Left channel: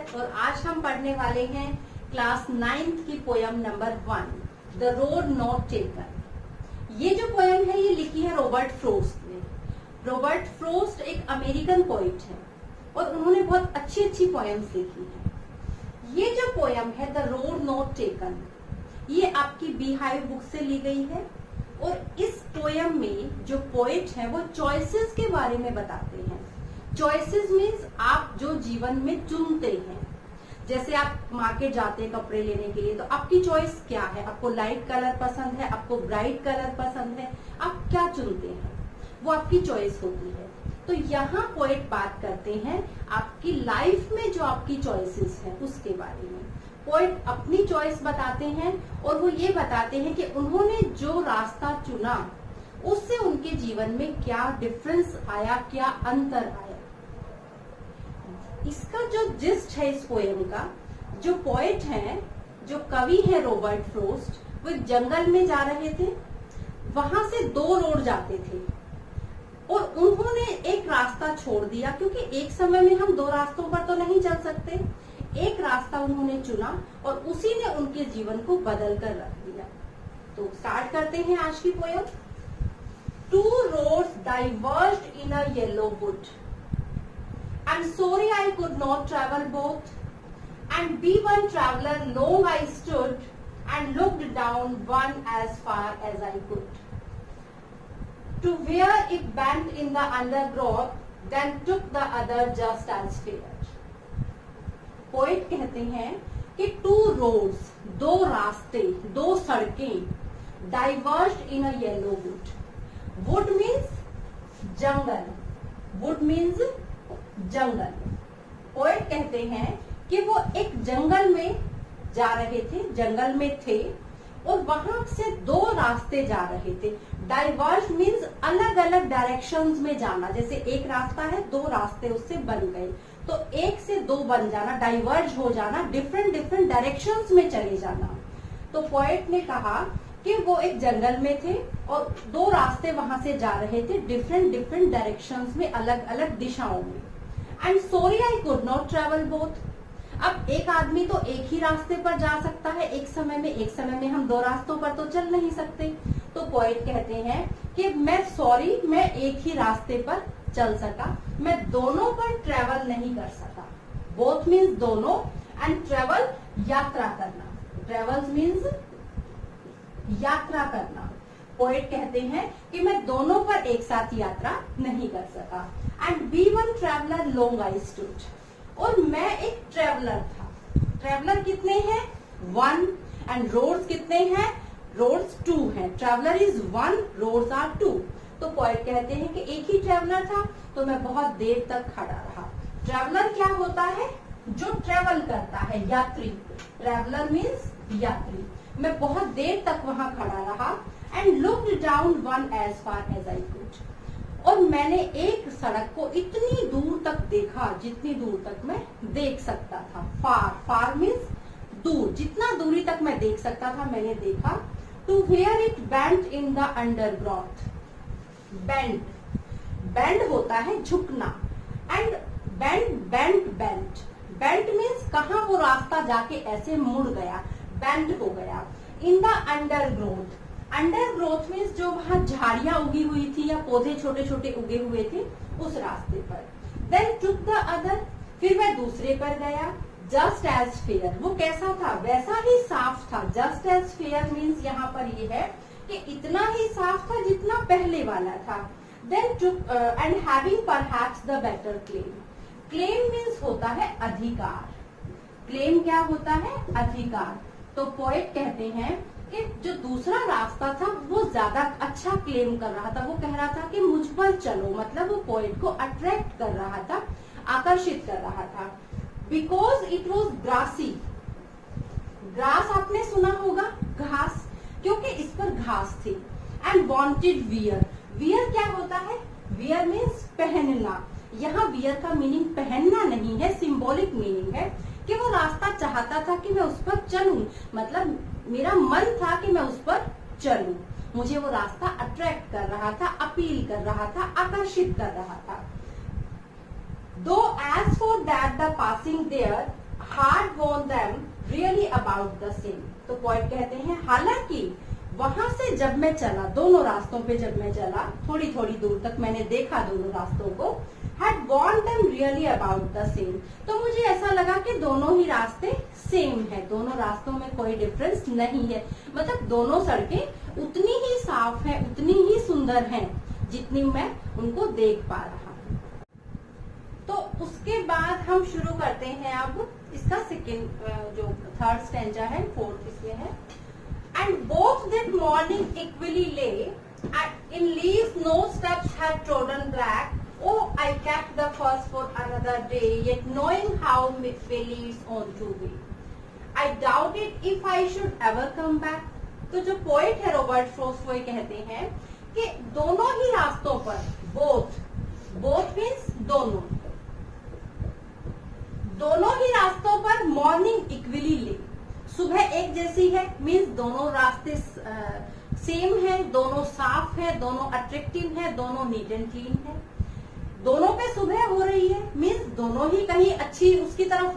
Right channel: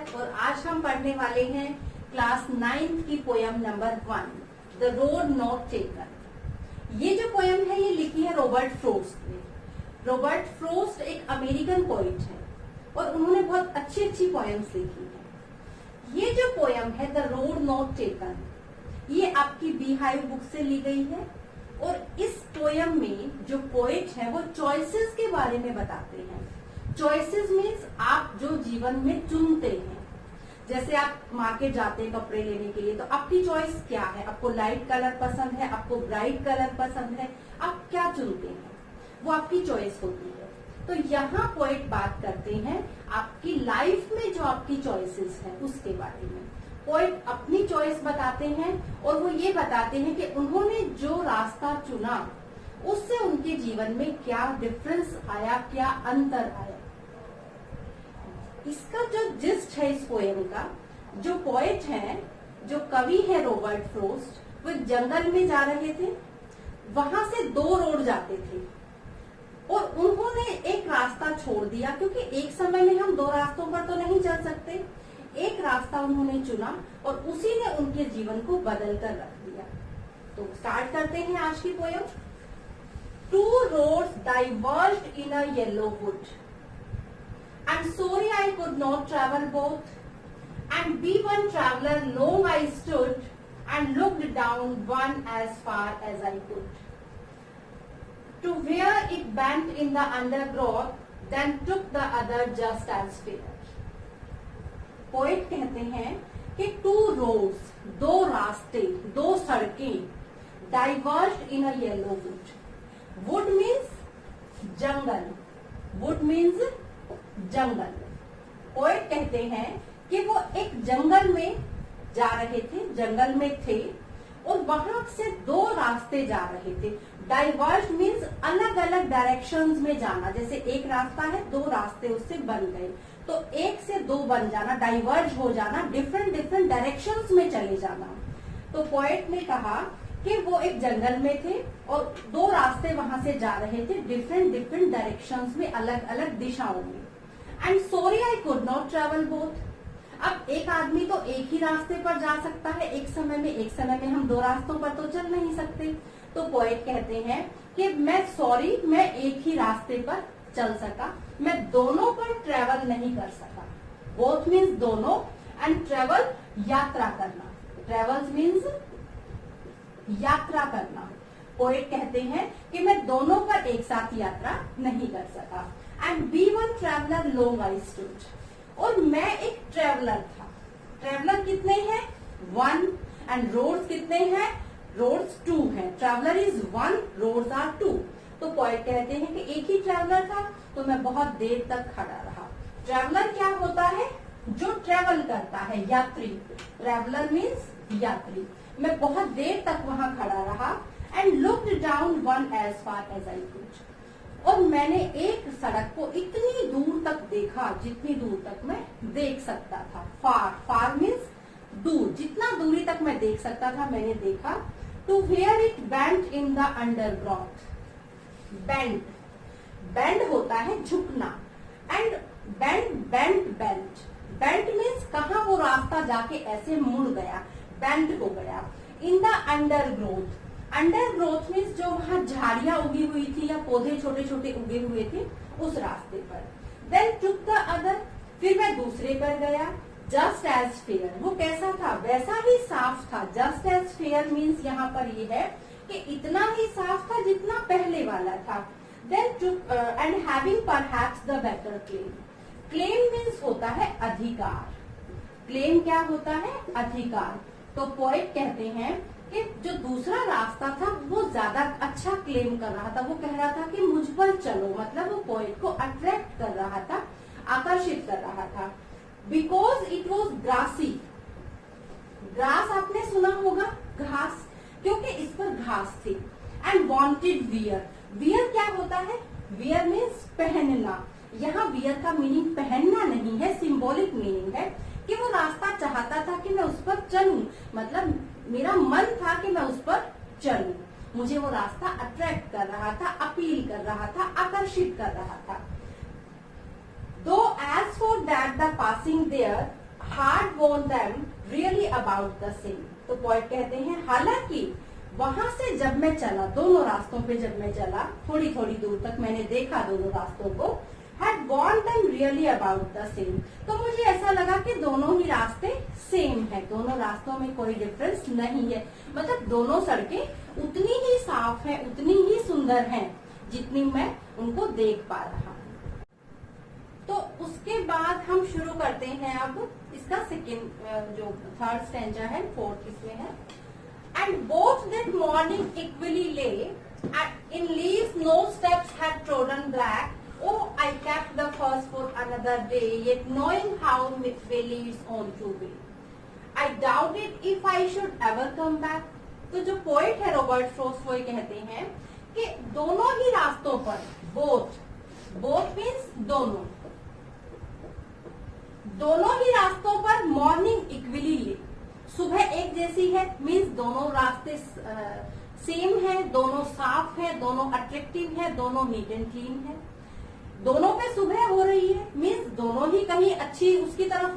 और आज हम पढ़ने वाले हैं क्लास 9th की poem number 1, the road not taken. ये जो पोयम है ये लिखी है रॉबर्ट फ्रोस्ट ने। रॉबर्ट फ्रोस्ट एक अमेरिकन पोइट है और उन्होंने बहुत अच्छी अच्छी पोयम्स लिखी है। ये जो पोयम है द रोड नॉट टेकन, ये आपकी बीहाइव बुक से ली गई है और इस पोयम में जो पोइट है वो चॉइसेस के बारे में बताते हैं। चॉइसेस मीन्स आप जो जीवन में चुनते हैं। जैसे आप मार्केट जाते हैं कपड़े लेने के लिए, तो आपकी चॉइस क्या है? आपको लाइट कलर पसंद है, आपको ब्राइट कलर पसंद है, आप क्या चुनते हैं? वो आपकी चॉइस होती है। तो यहाँ पोइट बात करते हैं आपकी लाइफ में जो आपकी चॉइसेस है उसके बारे में। पोइट अपनी चॉइस बताते हैं और वो ये बताते हैं कि उन्होंने जो रास्ता चुना उससे उनके जीवन में क्या डिफरेंस आया, क्या अंतर आया। इसका जो जिस्ट है इस पोयम का, जो पोइट है, जो कवि है रॉबर्ट फ्रोस्ट, वो जंगल में जा रहे थे। वहां से 2 रोड जाते थे और उन्होंने एक रास्ता छोड़ दिया क्योंकि एक समय में हम 2 रास्तों पर तो नहीं चल सकते। एक रास्ता उन्होंने चुना और उसी ने उनके जीवन को बदल कर रख दिया। तो स्टार्ट करते हैं आज की poem. 2 roads diverged in a yellow wood. I'm sorry I could not travel both. And be one traveler long I stood and looked down one as far as I could. To where it bent in the undergrowth, then took the other just as fair. Poet कहते हैं कि 2 roads, 2 रास्ते, 2 सड़कें, diverged in a yellow wood. Wood means jungle, wood means jungle. Poet कहते हैं कि वो एक जंगल में जा रहे थे, जंगल में थे और वहां से 2 रास्ते जा रहे थे। डाइवर्ज मीन्स अलग अलग डायरेक्शंस में जाना। जैसे एक रास्ता है, 2 रास्ते उससे बन गए, तो 1 से 2 बन जाना, डाइवर्ज हो जाना, डिफरेंट डिफरेंट डायरेक्शंस में चले जाना। तो पोएट ने कहा कि वो एक जंगल में थे और 2 रास्ते वहां से जा रहे थे डिफरेंट डिफरेंट डायरेक्शंस में, अलग अलग दिशाओं में। And sorry I could not travel both. अब एक आदमी तो एक ही रास्ते पर जा सकता है एक समय में हम 2 रास्तों पर तो चल नहीं सकते। तो पोएट कहते हैं कि मैं एक ही रास्ते पर चल सका, मैं दोनों पर ट्रेवल नहीं कर सका। बोथ मीन्स दोनों एंड ट्रेवल यात्रा करना। ट्रेवल्स मीन्स यात्रा करना। पोएट कहते हैं कि मैं दोनों पर एक साथ यात्रा नहीं कर सका। And be one traveller long I stood, और मैं एक ट्रेवलर था। ट्रेवलर कितने हैं? 1। एंड रोड्स कितने हैं? रोड्स 2 हैं। Traveller is 1, roads are 2। तो पोएट कहते हैं कि एक ही ट्रेवलर था तो मैं बहुत देर तक खड़ा रहा। ट्रेवलर क्या होता है? जो ट्रेवल करता है, यात्री। ट्रेवलर मीन्स यात्री। मैं बहुत देर तक वहां खड़ा रहा। And looked down one as far as I could, और मैंने एक सड़क को इतनी दूर तक देखा जितनी दूर तक मैं देख सकता था। फार मीन्स दूर, जितना दूरी तक मैं देख सकता था मैंने देखा। To where it bent in the underground. Bend होता है झुकना, एंड बेंट मीन्स कहाँ वो रास्ता जाके ऐसे मुड़ गया, बेंड हो गया। In the undergrowth, undergrowth means जो वहां झाड़ियां उगी हुई थी या पौधे छोटे छोटे उगे हुए थे उस रास्ते पर। देन टुक द अदर, फिर मैं दूसरे पर गया। जस्ट एज फेयर, वो कैसा था? वैसा ही साफ था। जस्ट एज फेयर मीन्स यहाँ पर ये है कि इतना ही साफ था जितना पहले वाला था। Then took and having perhaps the better claim. Claim means होता है अधिकार। क्लेम क्या होता है? अधिकार। तो पोएट कहते हैं कि जो दूसरा रास्ता था वो ज्यादा अच्छा क्लेम कर रहा था। वो कह रहा था कि मुझ पर चलो, मतलब वो पोएट को अट्रैक्ट कर रहा था, आकर्षित कर रहा था। Because it was grassy. Grass आपने सुना होगा, घास, क्योंकि इस पर घास थी। And wanted wear. वियर क्या होता है? वियर मीन्स पहनना। यहाँ वियर का मीनिंग पहनना नहीं है, सिंबॉलिक मीनिंग है कि वो रास्ता चाहता था कि मैं उस पर चलूं, मतलब मेरा मन था कि मैं उस पर चलूं। मुझे वो रास्ता अट्रैक्ट कर रहा था, अपील कर रहा था, आकर्षित कर रहा था। Though as for that the passing there had worn them really about the same. तो पोएट कहते हैं हालांकि वहां से जब मैं चला, दोनों रास्तों पे जब मैं चला, थोड़ी थोड़ी दूर तक मैंने देखा दोनों रास्तों को, had warned them really about the same। तो मुझे ऐसा लगा कि दोनों ही रास्ते सेम है, दोनों रास्तों में कोई डिफरेंस नहीं है, मतलब दोनों सड़कें उतनी ही साफ है, उतनी ही सुंदर हैं जितनी मैं उनको देख पा रहा हूँ। तो उसके बाद हम शुरू करते हैं अब इसका सेकेंड जो थर्ड स्टैंजा है, फोर्थ इसमें है। And both that morning equally lay, and in leaves no steps had trodden black. Oh, I kept the first for another day, yet knowing how they leads on to be. I doubted if I should ever come back. तो जो poet है Robert Frost वो कहते हैं कि दोनों ही रास्तों पर, बोथ मीन्स दोनों ही रास्तों पर मॉर्निंग इक्वली ले, सुबह एक जैसी है, मीन्स दोनों रास्ते सेम है, दोनों साफ है, दोनों अट्रैक्टिव है, दोनों नीट एंड क्लीन है, दोनों पे सुबह हो रही है, मीन्स दोनों ही कहीं अच्छी उसकी तरफ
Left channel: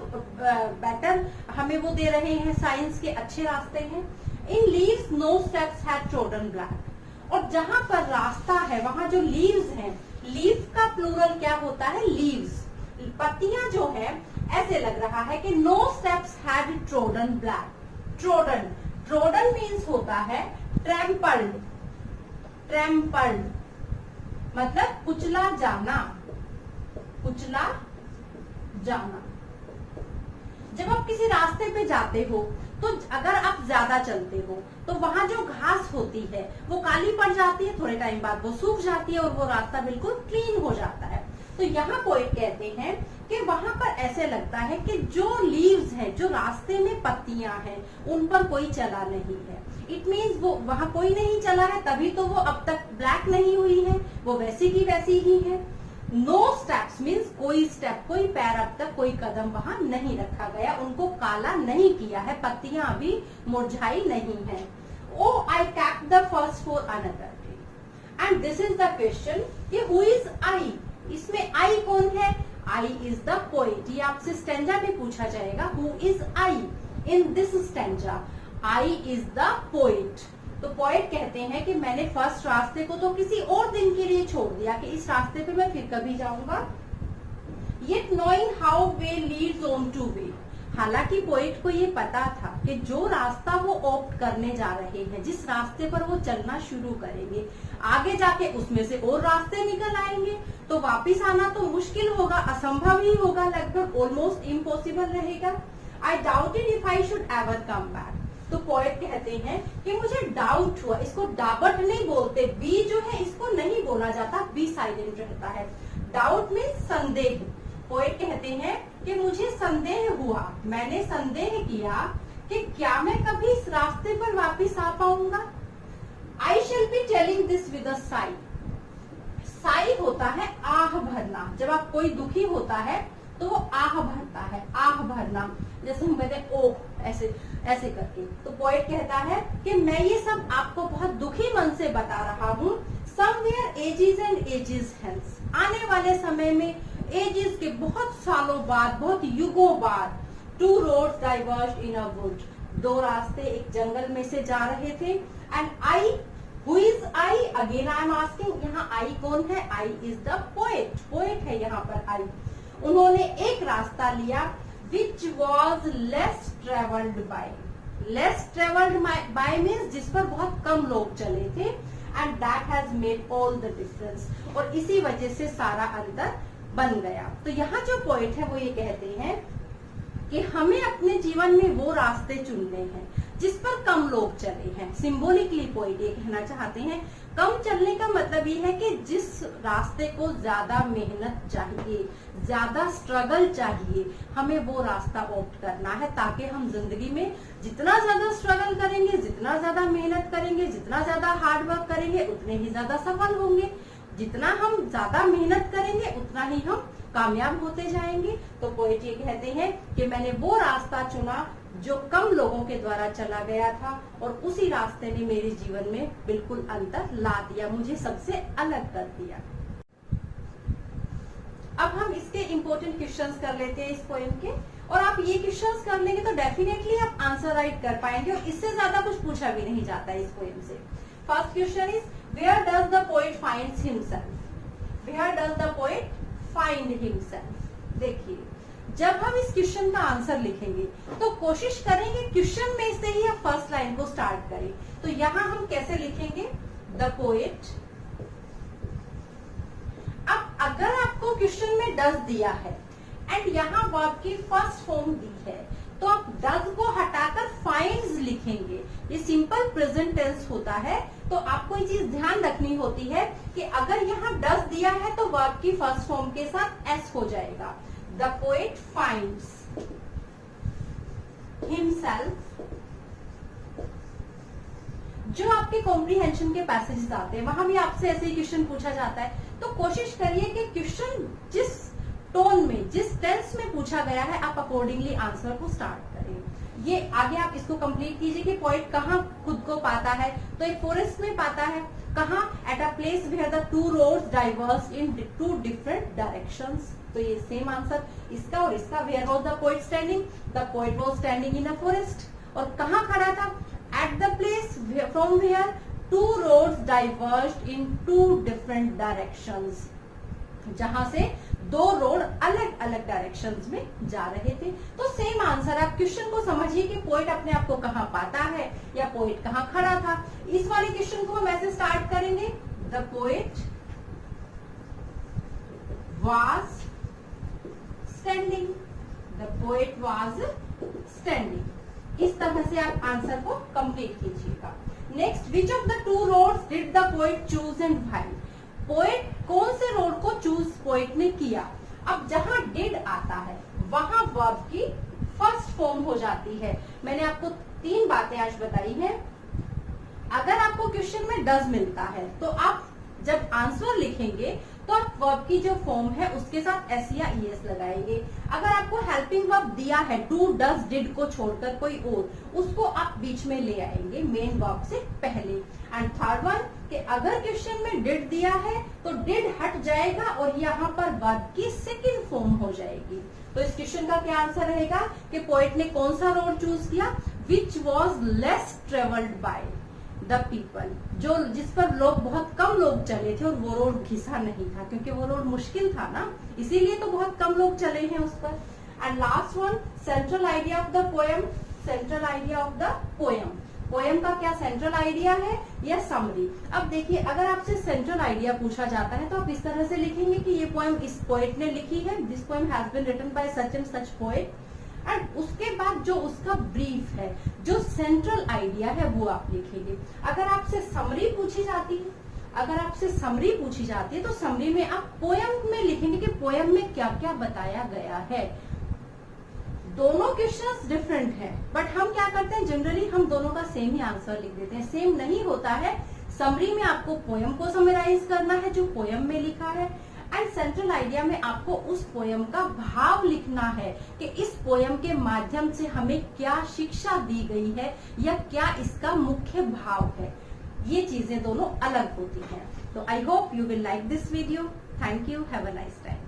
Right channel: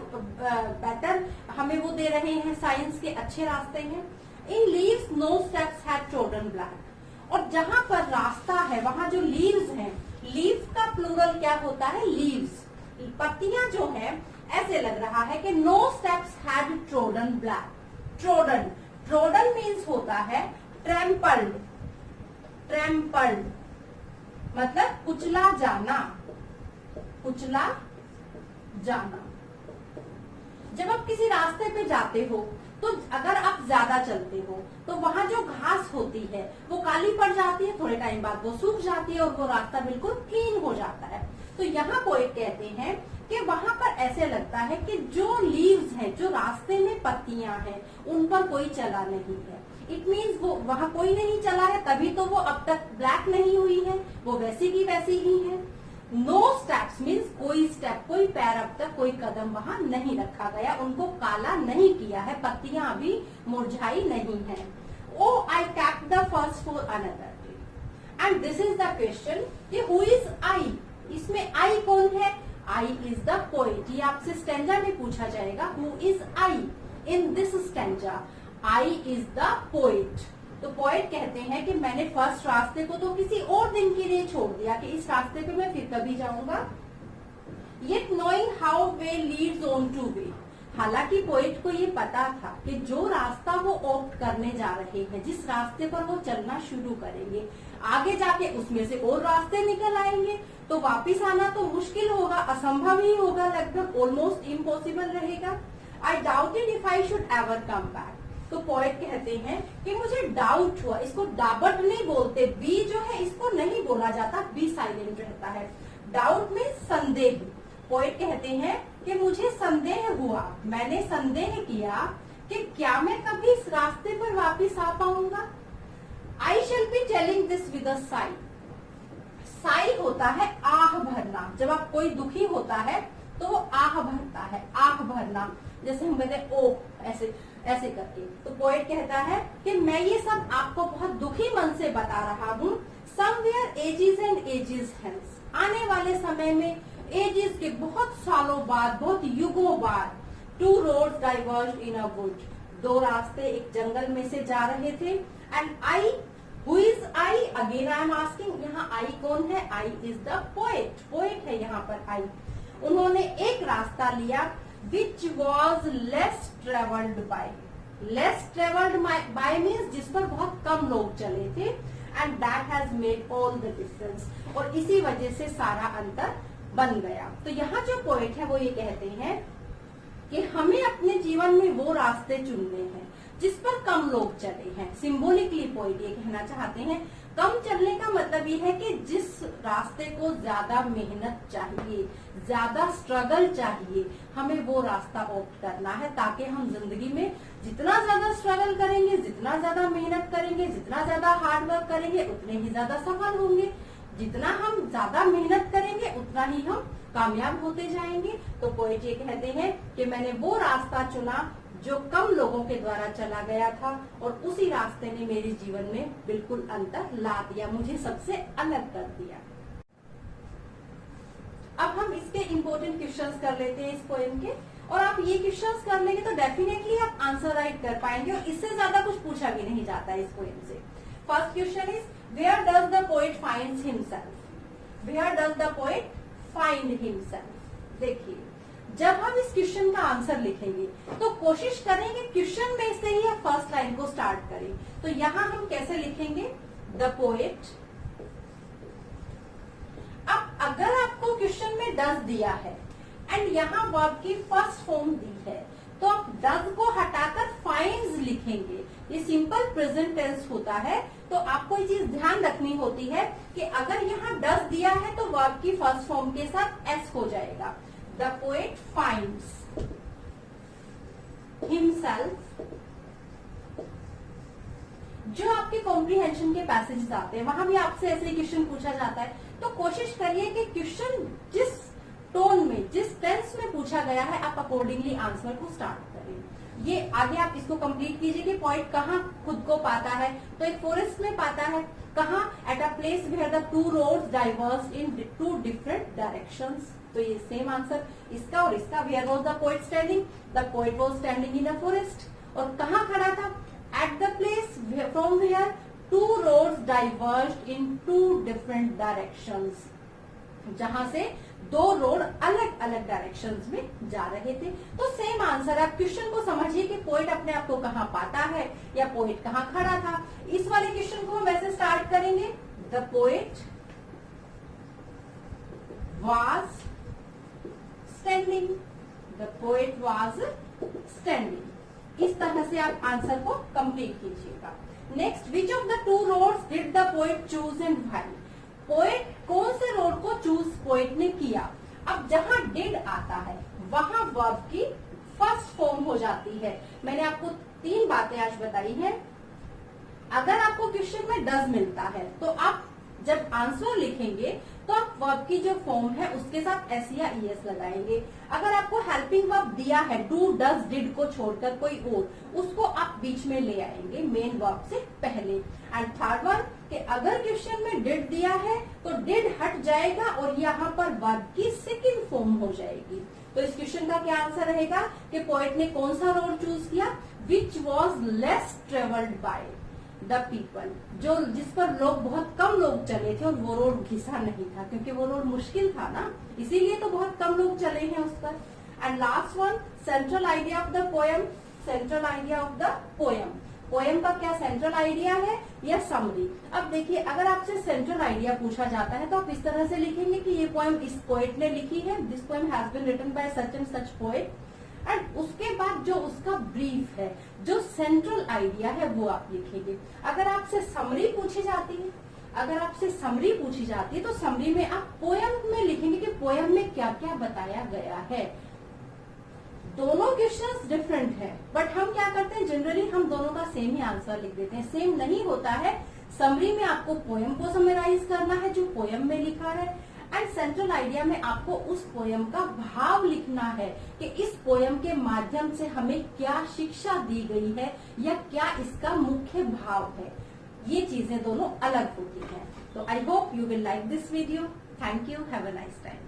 बेटर हमें वो दे रहे हैं, साइंस के अच्छे रास्ते हैं। In leaves no steps had trodden black. और जहां पर रास्ता है वहां जो लीव्स हैं, लीव्स का प्लूरल क्या होता है, लीव्स, पत्तियां जो है, ऐसे लग रहा है कि no steps had trodden black. Trodden means होता है ट्रैम्पल्ड मतलब कुचला जाना। जब आप किसी रास्ते पे जाते हो तो अगर आप ज्यादा चलते हो तो वहां जो घास होती है वो काली पड़ जाती है, थोड़े टाइम बाद वो सूख जाती है और वो रास्ता बिल्कुल क्लीन हो जाता है। तो यहाँ पोएट कहते हैं कि वहां पर ऐसे लगता है कि जो लीव्स है, जो रास्ते में पत्तियां हैं, उन पर कोई चला नहीं है। इट मीन्स वो वहां कोई नहीं चला है, तभी तो वो अब तक ब्लैक नहीं हुई है, वो वैसी की वैसी ही है। नो स्टेप्स मीन्स कोई स्टेप, कोई पैर अब तक, कोई कदम वहां नहीं रखा गया, उनको काला नहीं किया है, पत्तियां अभी मुरझाई नहीं है। Oh I kept the first for another day. And this is the question कि हु इज आई, इसमें आई कौन है, आई इज द पोएट। ये आपसे स्टैंजा भी पूछा जाएगा, who is I in this stanza, I is the poet. तो पोएट कहते हैं कि मैंने फर्स्ट रास्ते को तो किसी और दिन के लिए छोड़ दिया कि इस रास्ते पे मैं फिर कभी जाऊंगा। Yet knowing how way Leeds on two way. हालांकि पोएट को ये पता था कि जो रास्ता वो ऑप्ट करने जा रहे हैं, जिस रास्ते पर वो चलना शुरू करेंगे, आगे जाके उसमें से और रास्ते निकल आएंगे, तो वापिस आना तो मुश्किल होगा, असंभव ही होगा, लगभग ऑलमोस्ट इम्पॉसिबल रहेगा। आई doubted if I should ever come back. तो पोएट कहते हैं कि मुझे डाउट हुआ, इसको डाबट नहीं बोलते, बी जो है इसको नहीं बोला जाता, बी साइलेंट रहता है। डाउट मीन्स संदेह। पोएट कहते हैं कि मुझे संदेह हुआ, मैंने संदेह किया कि क्या मैं कभी इस रास्ते पर वापिस आ पाऊंगा। I shall be telling this with a Sai. Sai होता है आह भरना, जब आप कोई दुखी होता है तो वो आह भरता है, आह भरना, जैसे हम कहते हैं ओ, ऐसे करके। तो पोएट कहता है कि मैं ये सब आपको बहुत दुखी मन से बता रहा हूँ। Somewhere ages and ages hence, आने वाले समय में, एजेस के बहुत सालों बाद, बहुत युगों बाद, two roads diverge in a wood, दो रास्ते एक जंगल में से जा रहे थे। And I, who is I, again I am asking, यहाँ आई कौन है, I is the poet, poet है यहाँ पर आई। उन्होंने एक रास्ता लिया which was less traveled by, less traveled by means जिस पर बहुत कम लोग चले थे, and that has made all the difference, और इसी वजह से सारा अंतर बन गया। तो यहाँ जो पॉइंट है वो ये कहते हैं कि हमें अपने जीवन में वो रास्ते चुनने हैं जिस पर कम लोग चले हैं। सिंबॉलिकली पॉइंट ये कहना चाहते हैं, कम चलने का मतलब ये है कि जिस रास्ते को ज्यादा मेहनत चाहिए, ज्यादा स्ट्रगल चाहिए, हमें वो रास्ता ऑप्ट करना है, ताकि हम जिंदगी में जितना ज्यादा स्ट्रगल करेंगे, जितना ज्यादा मेहनत करेंगे, जितना ज्यादा हार्ड वर्क करेंगे, उतने ही ज्यादा सफल होंगे। जितना हम ज्यादा मेहनत करेंगे उतना ही हम कामयाब होते जाएंगे। तो पोएट ये कहते हैं कि मैंने वो रास्ता चुना जो कम लोगों के द्वारा चला गया था, और उसी रास्ते ने मेरे जीवन में बिल्कुल अंतर ला दिया, मुझे सबसे अलग कर दिया। अब हम इसके इम्पोर्टेंट क्वेश्चंस कर लेते हैं इस पोएम के। और आप ये क्वेश्चंस कर लेंगे तो डेफिनेटली आप आंसर राइट कर पाएंगे, और इससे ज्यादा कुछ पूछा भी नहीं जाता है इस पोएम से। First question is where does the poet finds himself, where does the poet find himself. देखिए, जब हम इस क्वेश्चन का आंसर लिखेंगे तो कोशिश करेंगे क्वेश्चन में से ही आप फर्स्ट लाइन को स्टार्ट करें। तो यहां हम कैसे लिखेंगे, द पोएट। अब अगर आपको क्वेश्चन में डज दिया है एंड यहाँ वर्ब की फर्स्ट फॉर्म दी है, तो आप डज को हटाकर फाइंड्स लिखेंगे। ये सिंपल प्रेजेंट टेंस होता है, तो आपको ये चीज ध्यान रखनी होती है कि अगर यहाँ डज दिया है तो वर्ब की फर्स्ट फॉर्म के साथ एस हो जाएगा। The poet finds himself. जो आपके कॉम्प्रीहेंशन के पैसेजेस आते हैं वहां भी आपसे ऐसे क्वेश्चन पूछा जाता है, तो कोशिश करिए कि क्वेश्चन जिस टोन में, जिस टेंस में पूछा गया है, आप अकॉर्डिंगली आंसर को स्टार्ट करें। ये आगे आप इसको कंप्लीट कीजिए कि पोएट कहाँ खुद को पाता है, तो एक फॉरेस्ट में पाता है। कहाँ, at a place where the two roads diverge in two different directions. तो ये सेम आंसर इसका और इसका। Where was the poet standing, the poet was standing in a forest. और कहाँ खड़ा था, at the place from where two roads diverge in two different directions, जहां से दो रोड अलग अलग डायरेक्शंस में जा रहे थे। तो सेम आंसर। आप क्वेश्चन को समझिए कि पोएट अपने आप को कहाँ पाता है या पोएट कहाँ खड़ा था। इस वाले क्वेश्चन को हम ऐसे स्टार्ट करेंगे, the poet was standing, the poet was standing. इस तरह से आप आंसर को कंप्लीट कीजिएगा। Next, which of the two roads did the poet choose and why. Poet कौन से रोड को चूज पोएट ने किया। अब जहां डिड आता है वहां वर्ब की फर्स्ट फॉर्म हो जाती है। मैंने आपको 3 बातें आज बताई हैं। अगर आपको क्वेश्चन में डज मिलता है तो आप जब आंसर लिखेंगे तो आप वर्ब की जो फॉर्म है उसके साथ एस या ईएस लगाएंगे। अगर आपको हेल्पिंग वर्ब दिया है डू, डज, डिड को छोड़कर कोई और, उसको आप बीच में ले आएंगे मेन वर्ब से पहले। एंड थर्ड वन कि अगर क्वेश्चन में डिड दिया है तो डिड हट जाएगा और यहाँ पर वर्ब की सेकंड फॉर्म हो जाएगी। तो इस क्वेश्चन का क्या आंसर रहेगा कि पोएट ने कौन सा रोड चूज किया, which was less travelled by the people, जो जिस पर लोग बहुत कम लोग चले थे और वो रोड घिसा नहीं था, क्योंकि वो रोड मुश्किल था ना, इसीलिए तो बहुत कम लोग चले हैं उस पर। And last one, central idea of the poem, central idea of the poem. Poem का क्या सेंट्रल आइडिया है या समरी। अब देखिए, अगर आपसे सेंट्रल आइडिया पूछा जाता है तो आप इस तरह से लिखेंगे कि ये पोएम इस पोएट ने लिखी है, this poem has been written by such and such poet. And उसके बाद जो उसका ब्रीफ है, जो सेंट्रल आइडिया है, वो आप लिखेंगे। अगर आपसे समरी पूछी जाती है, अगर आपसे समरी पूछी जाती है तो समरी में आप पोएम में लिखेंगे कि पोएम में क्या क्या बताया गया है। दोनों क्वेश्चंस डिफरेंट हैं, बट हम क्या करते हैं, जनरली हम दोनों का सेम ही आंसर लिख देते हैं। सेम नहीं होता है। समरी में आपको पोएम को समराइज करना है जो पोएम में लिखा है, एंड सेंट्रल आइडिया में आपको उस पोएम का भाव लिखना है कि इस पोएम के माध्यम से हमें क्या शिक्षा दी गई है या क्या इसका मुख्य भाव है। ये चीजें दोनों अलग होती हैं। तो I hope you will like this video. Thank you, have a nice time.